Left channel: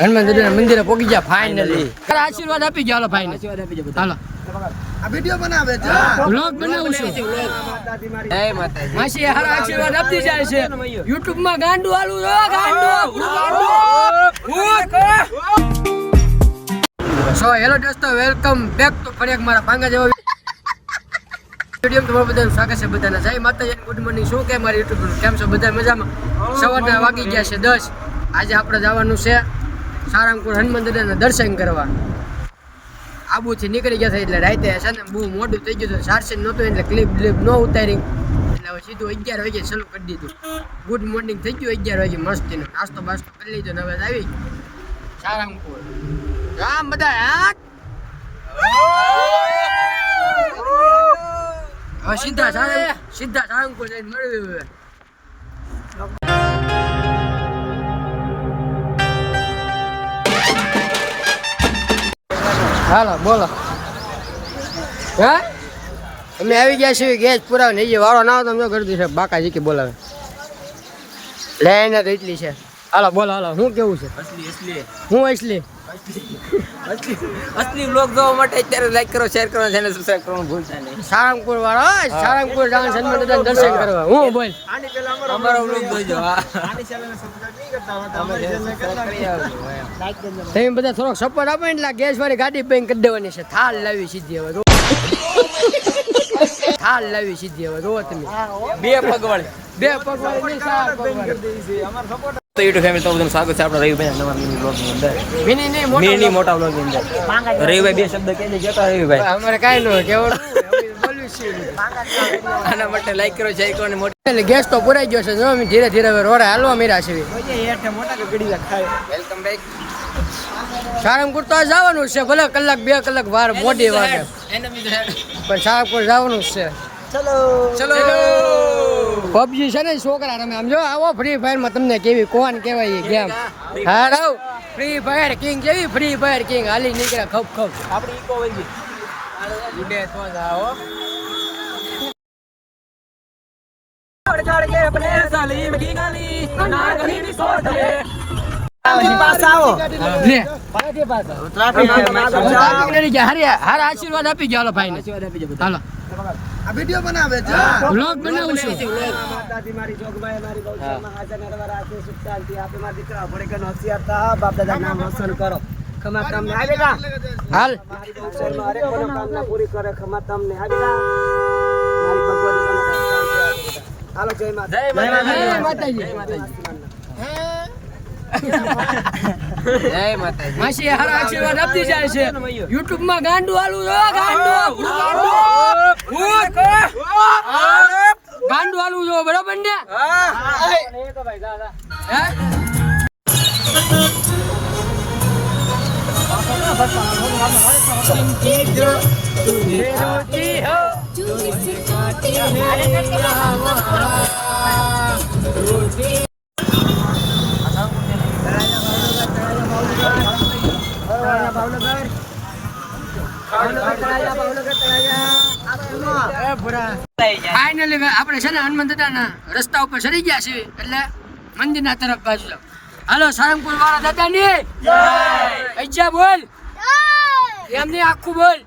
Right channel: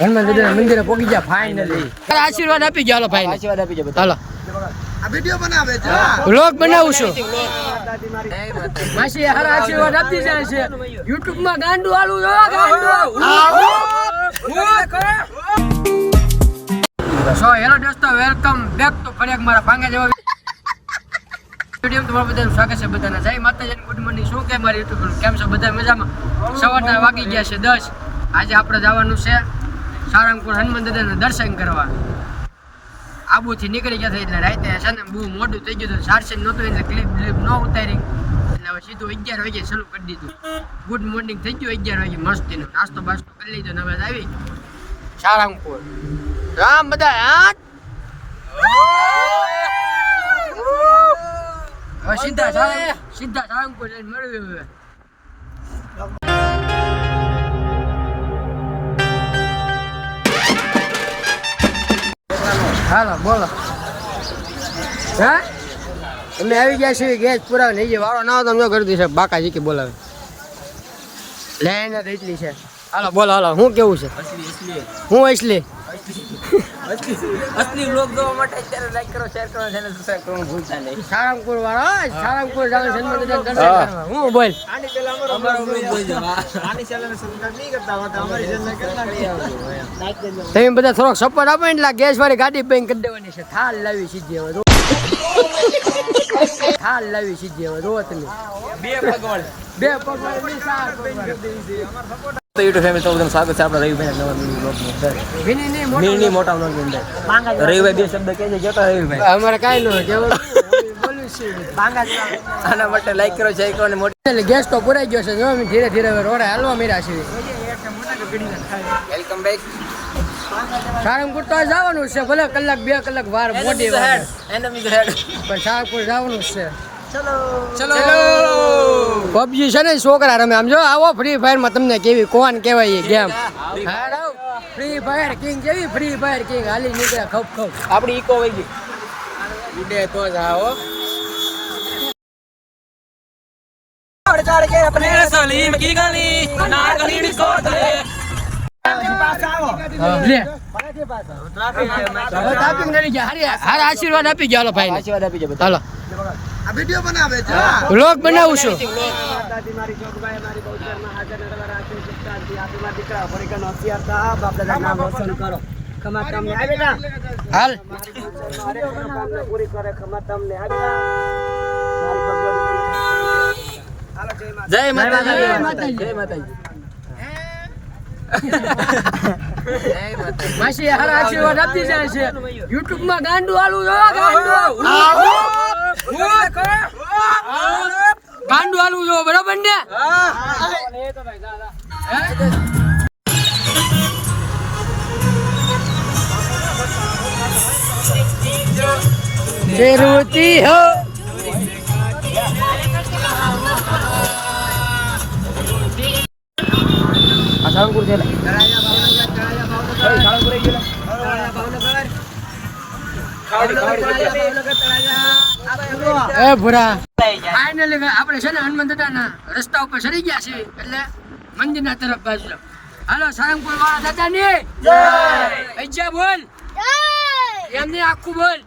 હનુમાન દાદા મંદિરે પોકી ગયા ફાઇનલી આશીર્વાદ આપી ગયા ભાઈ આશીર્વાદ આપી જાઓ. હાલો. આ વીડિયો બનાવે છે. વ્લોગ બનાવું છું. માસી હારા આશીર્વાદ આપતી જાય છે. યુટ્યુબમાં ગાંડુ આલું જો ગાંડુ સો હેલો દોસ્તો વેલકમ બેક ટુ ફરી એક મારા પાંગા જેવો સ્ટેડિયમ તમારું બધાનું સ્વાગત છે બધાને. જય માતાજી ગુડ મોર્નિંગ શું કે મારી યુટ્યુબ કેમ છો બધા મજામાં? સવારના વાગી ગયા છે દસ. આજે આપણે જવાનું છે સારંગપુર હનુમાન દાદાના દર્શન કરવા. આબુથી નીકળી ગયા એટલે રાતે છે ને બહુ મોડું થઈ ગયું હતું સારસી નહોતું એટલે ક્લિપ બ્લિપ ન ઉતારી. એટલે હવે સીધું અગિયાર વાગે ચાલુ કરી દીધું. ગુડ મોર્નિંગ થઈ ગયું અગિયાર વાગે મસ્તીનો. નાસ્તો બાસ્તો કરી લીધો ને હવે આવી. સારંગપુર રામ બધા હવે સીધા સીધા સારંગપુર જઈને મળ્યું હાલો, બોલો. હા? તમે આવી ગયા છો ગેસ પુરાવે નહીં જે વાળો ના હોય તો અમે કરી દઈશું બાકાજી કે બોલાવે. લે એને એટલી છે. હાલો બોલો હાલો હું કેવું છે? અસલી અસલી. હું અસલી? અસલી અસલી વ્લોગ જોવા માટે અત્યારે લાઈક કરો શેર કરો ચેનલ સબસ્ક્રાઇબ કરવાનું ભૂલતા નહીં. સારંગપુર વાળો હા, સારંગપુર સન્માન દર્શન કરવા. હું બોલ. આની પેલા અમારો અમારો vlog જોઈજો, આની ચેનલ સબસ્ક્રાઇબ નહીં કરતા હોય અમારી ચેનલ કરી લાઈક કરજો તમે બધા થોડોક સપોર્ટ આપો એટલે ગેસ વાળી ગાડી બેંક કરી દેવાની છે. થાલ લાવી સીધી હવે જો. થાલ લાવી સીધી હવે જો તમે. બે પગવાળી. બે પગવાળી નહીં ચાર પગવાળી. તો યુટ્યુબ ફેમિલી તો બધાનું સ્વાગત છે. આપણા રવિભાઈ નવા મિની વ્લોગની અંદર. મિની નહીં મોટો મિની મોટા વ્લોગની અંદર. રવિભાઈ બે શબ્દ કહેજે જતા રવિભાઈ. અમારે કાંઈ ન હોય. છે આના માટે લાઈક કરો શેર કરો અને મોટી એટલે ગેસ તો પુરાઈ ગયો છે. જો અમે ધીરે ધીરે હવે હાલવા મીરા છે. વેલકમ બેક સારંગપુર તો જવાનું છે. ભલે કલાક બે કલાક વાર મોડી વાર પણ સારંગપુર જવાનું જ છે. ચલો. પબજી છે ને છોકરા રમે. આમ જો આવો ફ્રી ફાયરમાં તમને કેવી કોણ કેવાય એ ગેમ હારાવ ફ્રી ફાયર કિંગ કેવી? ફ્રી ફાયર કિંગ હાલી નીકળે ખપ ખપ. આપણી ઇકો વહી ઉડે તો જ આવો. ચડ આશીર્વાદ આપી ગયા હાલો આશીર્વાદ આપી જાવ હાલો. આ વીડિયો બનાવે છે વ્લોગ બનાવું છું. દાદી મારી જોગબાઈ મારી બહુ હાજર નરવા રાખે સુખ શાંતિ આપી મારા દીકરા ભણે કે હોશિયાર થા બાપ દાદા નામ રોશન કરો. ખમા તમને. આવે ના હાલ. મારી કોનો કામના પૂરી કરે. ખમા તમને. આવે ના મારી ભગવતી હાલો જય માતા જય જય માતાજી. માતાજી. જય માતાજી. જય માતાજી. માસી હારા આશીર્વાદ આપતી જાય છે. યુટ્યુબમાં ગાંડુ આલું જો ગાંડુ ગાંડુ આલું જો બરાબર ને? જરૂરતી હો. એ ભૂરા. ફાઇનલી આપણે છે ને હનુમાન દાદાના રસ્તા ઉપર ચડી ગયા છીએ એટલે મંદિરના તરફ બાજુ હાલો સારંગપુર વાળા દાદાની? જય! બોલ. એમની આખું બોલ.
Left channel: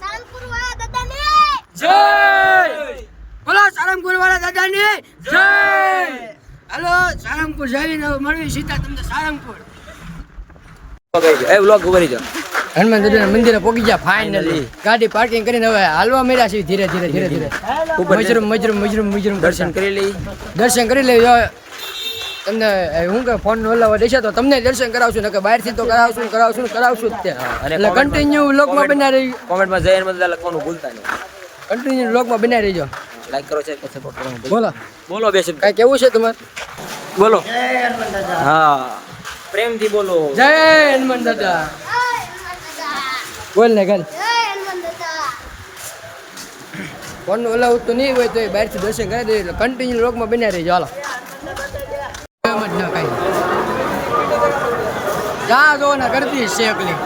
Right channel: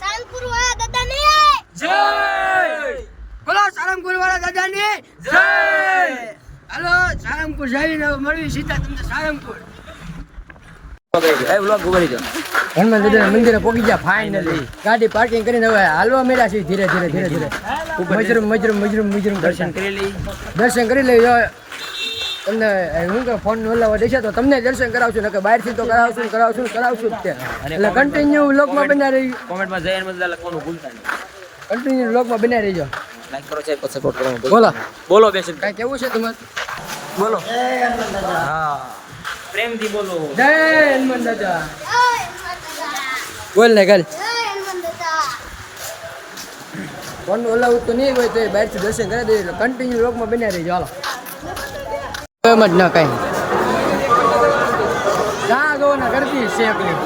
સારંગપુર વાળા દાદાની! જય! બોલો સારંગપુર વાળા દાદાની? જય! હાલો સારંગપુર જઈને હવે મળવી સીતા તમને સારંગપુર. એ વ્લોગ ઉભરી જાઓ હનુમાન દાદાના મંદિરે પોગી ગયા ફાઇનલી ગાડી પાર્કિંગ કરીને હવે હાલવા મળ્યા છે ધીરે ધીરે ધીરે ધીરે. મજરૂમ મજરૂમ મજરૂમ મજરૂમ દર્શન કરી લઈ. દર્શન કરી લઈ તમને હું કે ફોન ઓલાવા દેશે તો તમને દર્શન કરાવશું ને કે બહારથી તો કરાવશું કરાવશું કરાવશું જ તે. એટલે કન્ટિન્યુ લોકમાં બના રહી કોમેન્ટમાં જય હનુમાન દાદા લખવાનું ભૂલતા નહીં. કન્ટિન્યુ લોકમાં બના રહીજો. લાઈક કરો શેર કરો સપોર્ટ કરો. બોલો. બોલો બે શબ્દ કાંઈ કેવું છે તમારે? બોલો. હા. પ્રેમથી બોલો. જય હનુમાન દાદા. બોલ ને ગલ પણ ઓલા ઉતો ફોન ઓલાવું તો નહીં હોય તો એ બહારથી દર્શન કરી દે એટલે કન્ટિન્યુ લોકમાં બન્યા રહી હાલો. એમ જ ના કાંઈ. જા જો ને કરતી છે એકલી.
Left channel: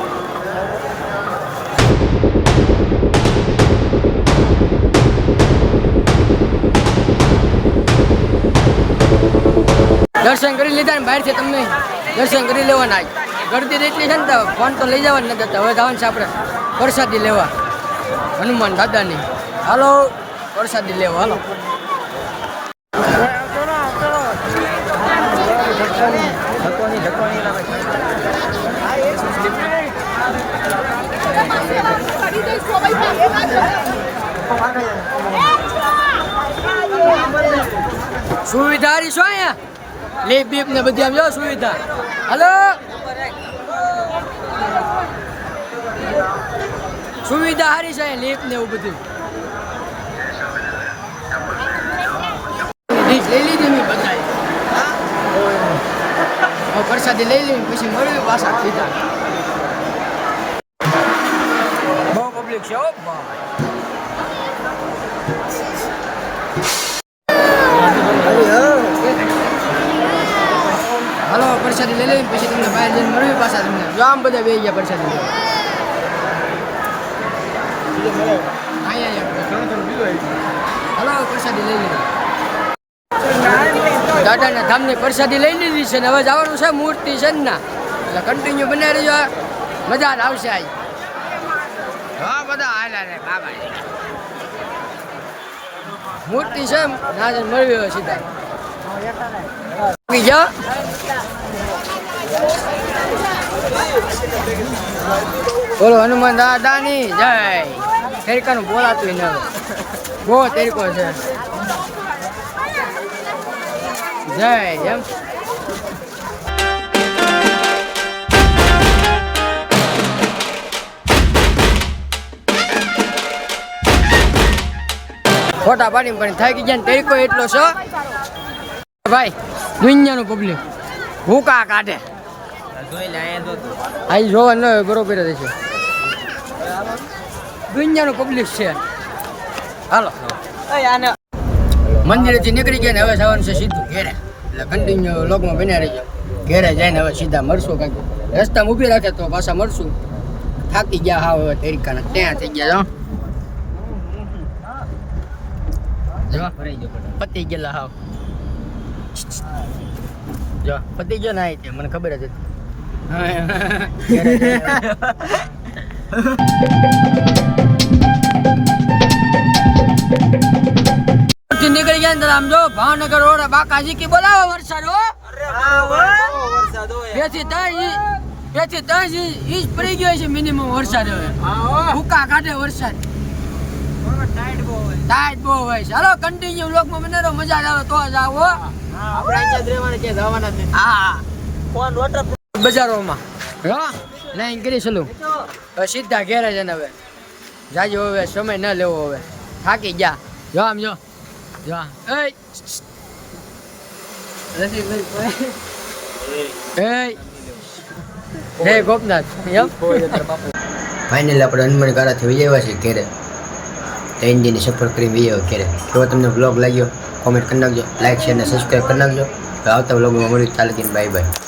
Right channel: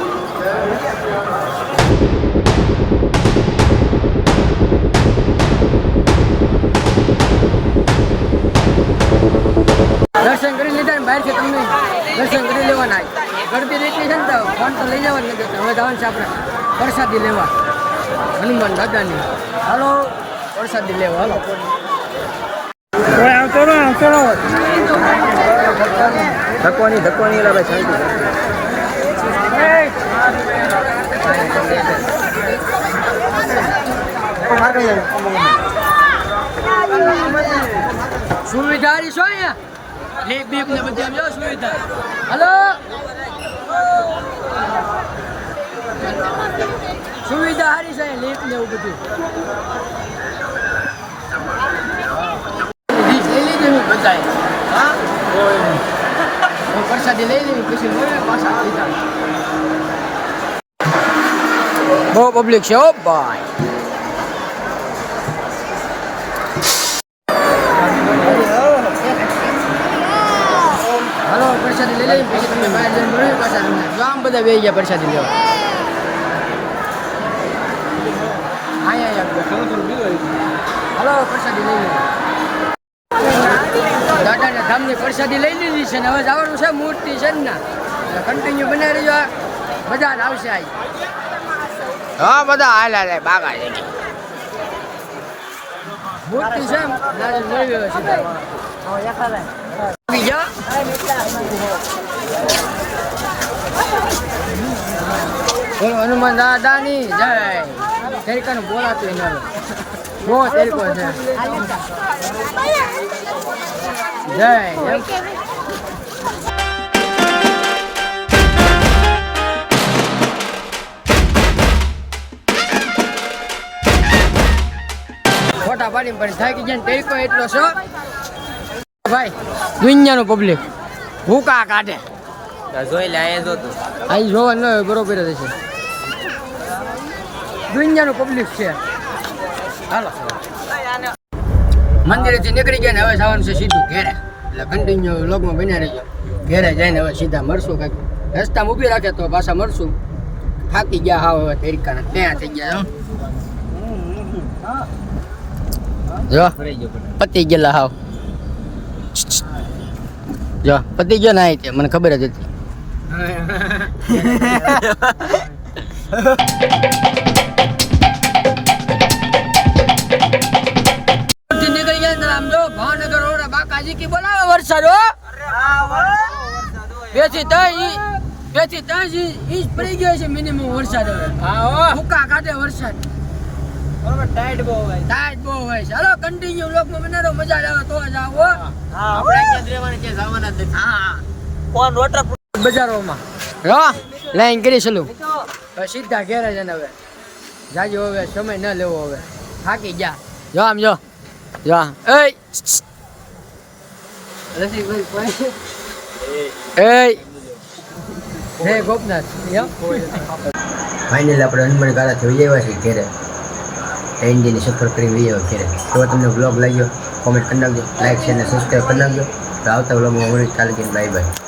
દર્શન કરી લીધા ને બહારથી તમને દર્શન કરી લેવાના. ગળતી એટલી છે ને તો ફોન તો લઈ જવા નથી દેતા હવે જવાનું છે આપણે પ્રસાદી લેવા. હનુમાન દાદાની. હાલો પ્રસાદી લેવા હાલો. ધક્કોની લાવે સુવિધા હારી શું અહીંયા? લીપ બીપ ને બધી આવ્યો સુવિધા. હાલો. સુવિધા હારી છે લીપ ને એવું બધું. પ્રસાદી લઈ લીધું પ્રસાદી લઈ લઈને પછી મળ્યું પાછા સીધા બહુ પબ્લિક છે ઓ ભાઈ. હાલો પ્રસાદી લઈ લઈ પછી તમને બહાર જઈને મળી પાછા તમને. આમ બધા બે ગયા પ્રસાદી લેવા. હાલો, પ્રસાદી લઈ લઈએ. દાદાના ધામની પ્રસાદી લઈ લીધી છે ને હવે જવાનું છે મૂર્તિ છે ને એટલે કન્ટિન્યુ બનાવી રહેજો મજા આવશે આજ હા, બધા હાલ, હાલે બાગા મૂર્તિ છે ના જ મળી હવે સીધા. આવી બોલો, હનુમાન દાદાની જય. તેરિકાનું બોલાતું એને હવે. બહુ તેરિકો છે. જય એમ. ફોટા પાડીને પણ થાકી ગયા ને તેરિકો એટલો છો. ભાઈ દુનિયાનું પબ્લિક ભૂકા કાઢે. જોઈ લે જોવા ન બરોબર જ છે. દુનિયાનું પબ્લિક છે. હાલો. મંદિરેથી નીકળી ગયા ને હવે જવાનું છે સીધું ઘેરે. એટલે કન્ટિન્યુ લોકમાં બન્યા રહીજો. ઘેરે જઈને હવે સીધા મળશું કાંઈક. રસ્તામાં ઊભી રાખે તો પાછા મળશું થાકી ગયા હા હવે તરીકાના. ત્યાં થઈ ગયા જો. પતી ગયેલા હાવ. જો, પતી ગયો ના તે મને ખબર જ હતી. નીકળી ગયા અંદર આમ જો ભાવનગર રોડ બાકાજી કી બોલાવો વરસાદ હો. ઈજ પડી ગયો છે મિનિમમ વરસાદ હવે ભૂકા કાઢે વરસાદ ટાઈટ બહુ હોય ટાઈટ બહુ હોય ચાલો કન્ટિન્યુ મને બનાવો મજા આવે તો જ આવો આપણે અહીંયા જ રહેવાનું છે જવાના જ નથી હા ફોન વોટર બજારોમાં. લાઈન કરી ચલું સીધા ઘેરે છે ને હવે જાજો હવે સમય ન લેવો હવે. થાકી ગયા. જો આમ જો. જો એ ગોપનાથ. ફાઇનલ આપણે હનુમાન ગાળાથી વહી આવ્યા છીએ ઘેરે. દિનની સફર કરી વહી આવ્યા તો તમને બ્લોગ લાગ્યો કોમેન્ટ કરી નાખજો. લાઈક શેર અને સબસ્ક્રાઈબ કરી નાખજો. તો આવતા બ્લોગમાં મળ્યું ચાલે બાય બાય